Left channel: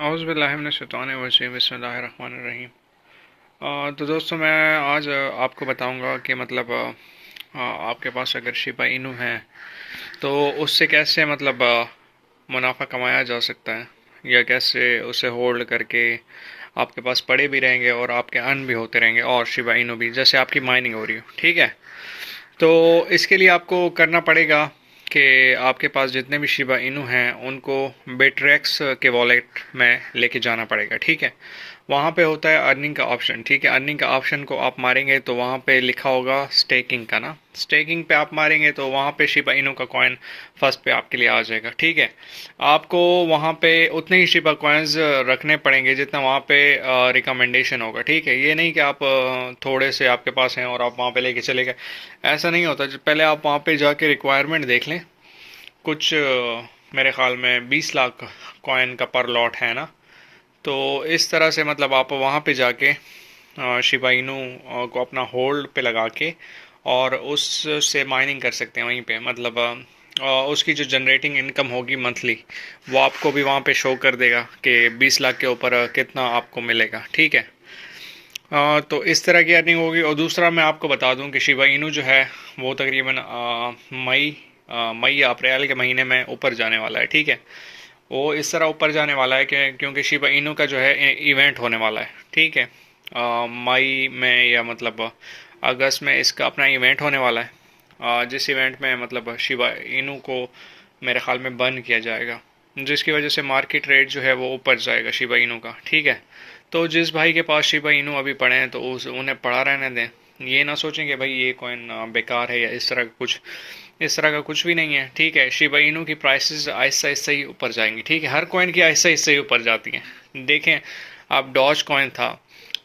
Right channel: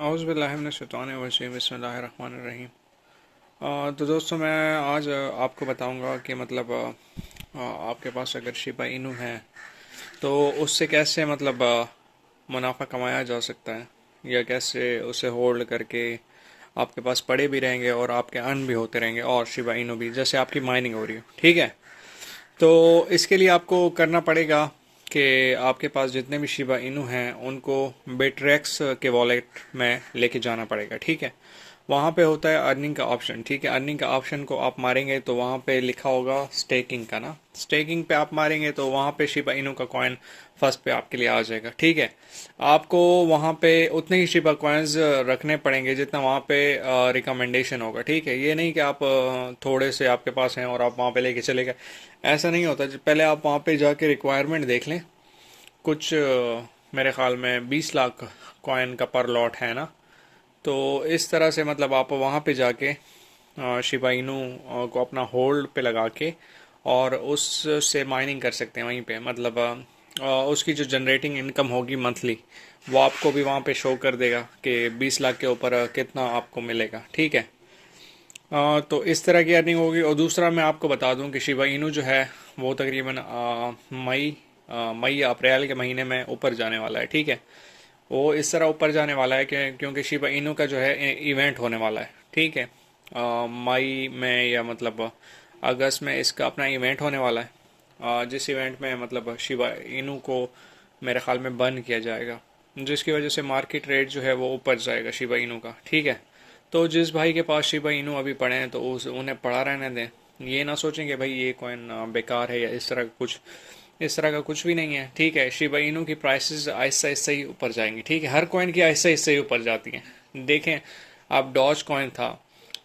औज़ु बिल्लाहि मिनश शैतानिर रजीम बिस्मिल्लाहिर रहमानिर रहीम। तो दोस्तों मैं आज आपको बताऊंगा कि मतलब आपके पास अगर शिबा इनू है तो उससे कैसे मतलब मुनाफा कमाया जा सकता है, या कैसे उसे होल्ड करके आपके पास पड़े भी रहेंगे और आपके अर्न भी होते रहेंगे और शिबा इनू भी जैसे आपकी माइनिंग हो रही हो। ठीक है, तो इसके लिए आपको करना पड़ेगा कि आपके पास जितने भी शिबा इनू हैं उनको बेट्रैक्स के वॉलेट में लेके जाना पड़ेगा। ठीक है, वहाँ पे होता है अर्निंग का ऑप्शन। ठीक है, अर्निंग का ऑप्शन को आप मारेंगे तो वहाँ पे लिखा होगा स्टेकिंग का ना, स्टेकिंग पे आप मारेंगे तो वहाँ पे शिबा इनू का कॉइन फर्स्ट पे आपके लिए आ जाएगा। ठीक है, आपको वहाँ पे उतने ही शिबा कॉइन्स रखने पड़ेंगे जितना वहाँ पे रिकमेंडेशन होगा। ठीक है, ये नहीं कि आप थोड़े से आपके पास हैं और आप वहाँ पे लेके चले गए, ऐसा नहीं होता। पहले आप वहाँ पे जाके रिक्वायरमेंट देख लें। कुछ मेरे ख्याल में 20 लाख कॉइन का पर लॉट है ना, तो इस तरह से मतलब आप वहाँ पे जाके शिबा इनू को अपना होल्ड पे लगा के और उससे माइनिंग कर सकते हैं वहीं पे। मतलब उसकी जो जनरेटिंग इनकम होगी मंथली, वो आपको भी वहाँ पे शो कर देगा कि 20 लाख के ऊपर कितना आपको मिलेगा। ठीक है, तो इस तरह की अर्निंग होगी। और दूसरा मैं आपको बता दूं कि शिबा इनू जो है वो तकरीबन मई या अप्रैल के महीने में ऊपर जाने वाला है। ठीक है, वो इस तरह ऊपर जाने वाला है कि क्योंकि शिबा इनू का जो है इवेंट होने वाला है। ठीक है, मई में या मतलब अगस्त में इसका अपना इवेंट होने वाला है, जिस इवेंट में मतलब शिबा इनू को मेरे ख्याल में बंद किया जाएगा, जिसकी वजह से मार्केट रेट जो है वो ऊपर जाएगा शिबा इनू का। ठीक है, तो जिस भाई के पास शिबा इनू अभी पड़े हैं तो उन्हें पड़ा रहने दें। ये ना सोचें कि भाई ये कॉइन बेकार है या इस तरह का कुछ, इस तरह का कुछ भी नहीं है। ठीक है, शिबा इनू की प्राइसेस आहिस्ता आहिस्ता ही ऊपर जाएंगी। ठीक है, हर कॉइन की आहिस्ता आहिस्ता ही ऊपर जाती हैं। देखें आप, डॉज कॉइन था,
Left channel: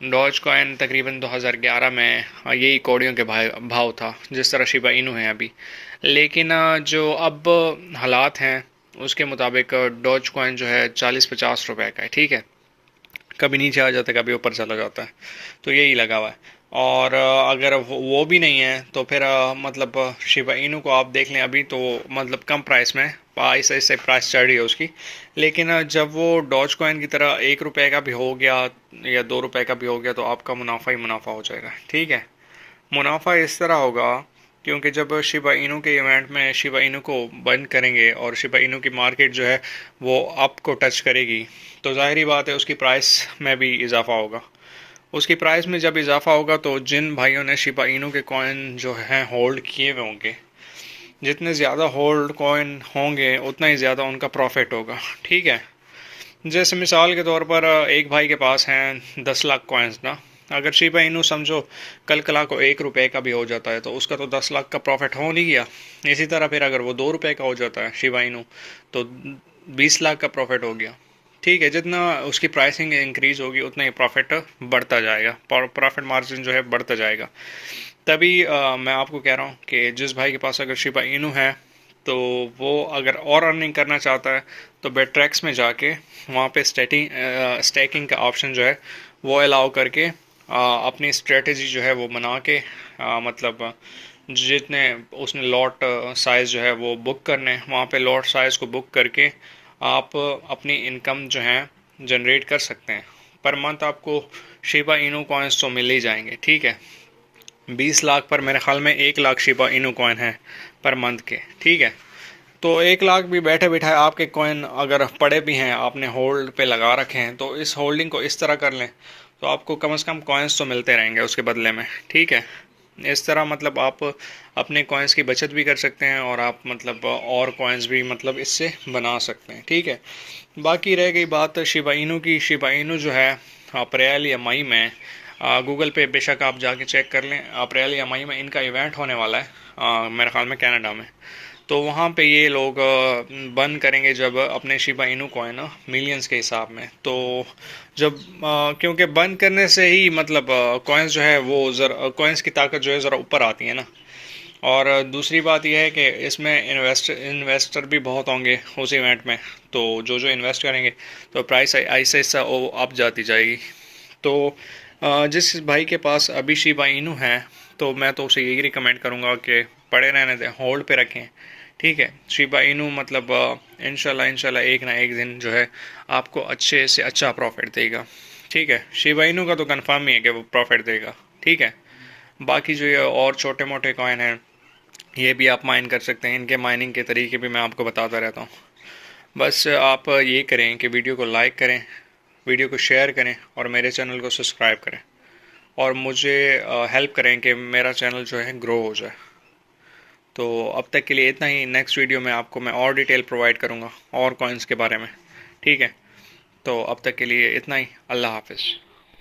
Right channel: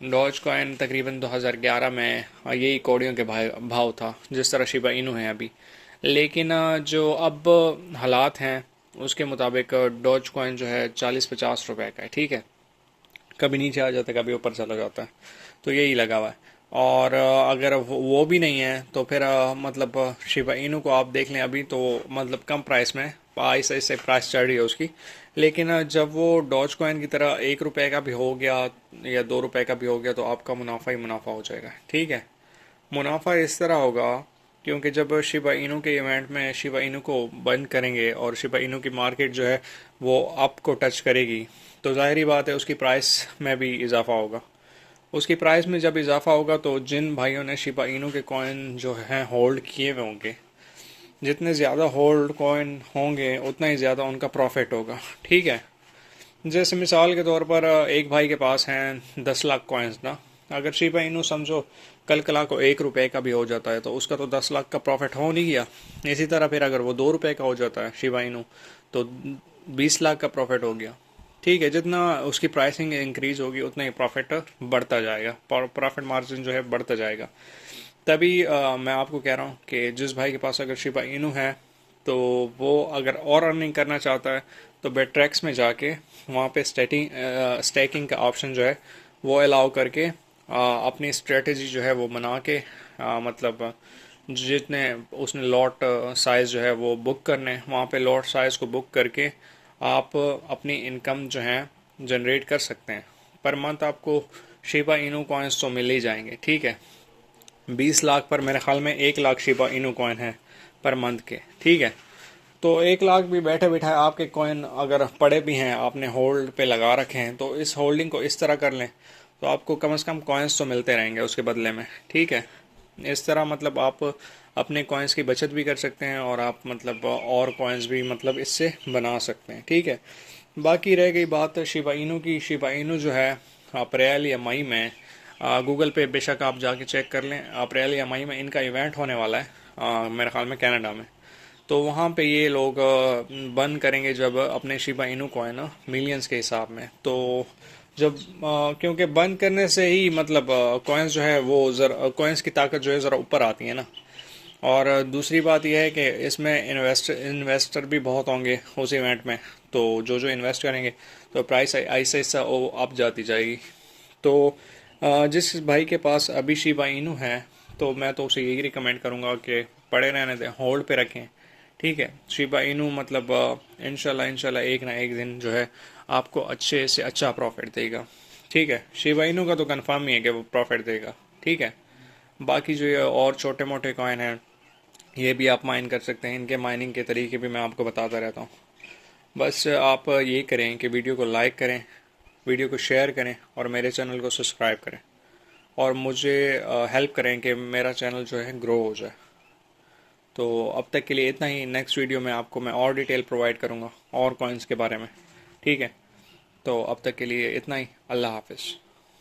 डॉज कॉइन तकरीबन 2011 में यही कौड़ियों के भाव था जिस तरह शिबा इनू है अभी। लेकिन जो अब हालात हैं उसके मुताबिक डॉज कॉइन जो है 40-50 रुपए का है। ठीक है, कभी नीचे आ जाता है कभी ऊपर चला जाता है, तो यही लगा हुआ है। और अगर वो भी नहीं है तो फिर मतलब शिबा इनू को आप देख लें अभी तो मतलब कम प्राइस में, ऐसे ऐसे प्राइस चढ़ रही है उसकी। लेकिन जब वो डॉज कॉइन की तरह 1 रुपए का भी हो गया या 2 रुपए का भी हो गया तो आपका मुनाफा ही मुनाफा हो जाएगा। ठीक है, मुनाफा इस तरह होगा क्योंकि जब शिबा इनू के इवेंट में शिबा इनू को बंद करेंगे और शिबा इनू की मार्केट जो है वो अप को टच करेगी, तो जाहिर बात है उसकी प्राइस में भी इजाफा होगा। उसकी प्राइस में जब इजाफा होगा तो जिन भाइयों ने शिबा इनू के कॉइन जो हैं होल्ड किए हुए होंगे, जितने ज़्यादा होल्ड कॉइन होंगे उतना ही ज़्यादा उनका प्रॉफिट होगा। ठीक है, जैसे मिसाल के तौर पर एक भाई के पास हैं 10 लाख कॉइन्स ना, अगर शिबा इनू समझो कल कला को 1 रुपए का भी हो जाता है तो उसका तो 10 लाख का प्रॉफिट हो नहीं गया। इसी तरह फिर अगर वो 2 रुपए का हो जाता है शिबा इनू तो 20 लाख का प्रॉफिट हो गया। ठीक है, जितना उसकी प्राइसिंग इंक्रीज होगी उतना ही प्रॉफिट बढ़ता जाएगा, प्रॉफिट मार्जिन जो है बढ़ता जाएगा। तभी मैं आपको कह रहा हूँ कि जिस भाई के पास अगर शिबा इनू है तो वो अगर और अर्निंग करना चाहता है तो बेट्रैक्स में जाके वहाँ पे स्टैकिंग का ऑप्शन जो है वो अलाउ करके अपनी स्ट्रेटजी जो है वो बना के मतलब जितने उसने लॉट साइज़ जो है वो बुक करने, वहाँ पे लॉट साइज़ को बुक करके आप अपनी इनकम जो है जनरेट कर सकते हैं। पर मंथ आपको शिबा इनू कॉइन्स तो मिल ही जाएंगे। ठीक है, 20 लाख पर मेरे ख्याल में 1 लाख शिबा इनू कॉइन है पर मंथ के। ठीक है, तो 1 लाख भी बैठे बिठाए आपके कॉइन अगर पड़े भी हैं, आपने होल्ड पे लगा रखे हैं, तो इस होल्डिंग को इस तरह कर लें तो आपको कम से कम कॉइन्स तो मिलते रहेंगे उसके बदले में। ठीक है, इस तरह मतलब आप अपने कॉइन्स की बचत भी कर सकते हैं और आप मतलब और कॉइन्स भी मतलब इससे बना सकते हैं। ठीक है, बाकी रह गई बात शिबा इनू की। शिबा इनू जो है अप्रैल या मई में, गूगल पे बेशक आप जाके चेक कर लें, अप्रैल या मई में इनका इवेंट होने वाला है मेरे ख्याल में कनाडा में। तो वहाँ पे ये लोग बंद करेंगे जब अपने शिबा इनू कॉइन मिलियंस के हिसाब में। तो जब क्योंकि बंद करने से ही मतलब कॉइन्स जो है वो ज़रा कॉइन्स की ताकत जो है ज़रा ऊपर आती है ना। और दूसरी बात यह है कि इसमें इन्वेस्टर भी बहुत होंगे उस इवेंट में, तो जो जो इन्वेस्ट करेंगे तो प्राइस ऐसा ऐसा वो अप जाती जाएगी। तो जिस भाई के पास अभी शिबा इनू है तो मैं तो उसे यही रिकमेंड करूँगा कि पड़े रहने दें, होल्ड पे रखें। ठीक है। शिबा इनू मतलब इंशाल्लाह इंशाल्लाह एक ना एक दिन जो है आपको अच्छे से अच्छा प्रॉफिट देगा। ठीक है, शिबा इनू का तो कंफर्म ही है कि वो प्रॉफिट देगा। ठीक है, बाकी जो ये और छोटे मोटे कॉइन हैं ये भी आप माइन कर सकते हैं, इनके माइनिंग के तरीके भी मैं आपको बताता रहता हूँ। बस आप ये करें कि वीडियो को लाइक करें, वीडियो को शेयर करें और मेरे चैनल को सब्सक्राइब करें और मुझे हेल्प करें कि मेरा चैनल जो है ग्रो हो जाए। तो अब तक के लिए इतना ही। नेक्स्ट वीडियो में आपको मैं और डिटेल प्रोवाइड करूँगा और कॉइन्स के बारे में। ठीक है, तो अब तक के लिए इतना ही। अल्लाह हाफिज़।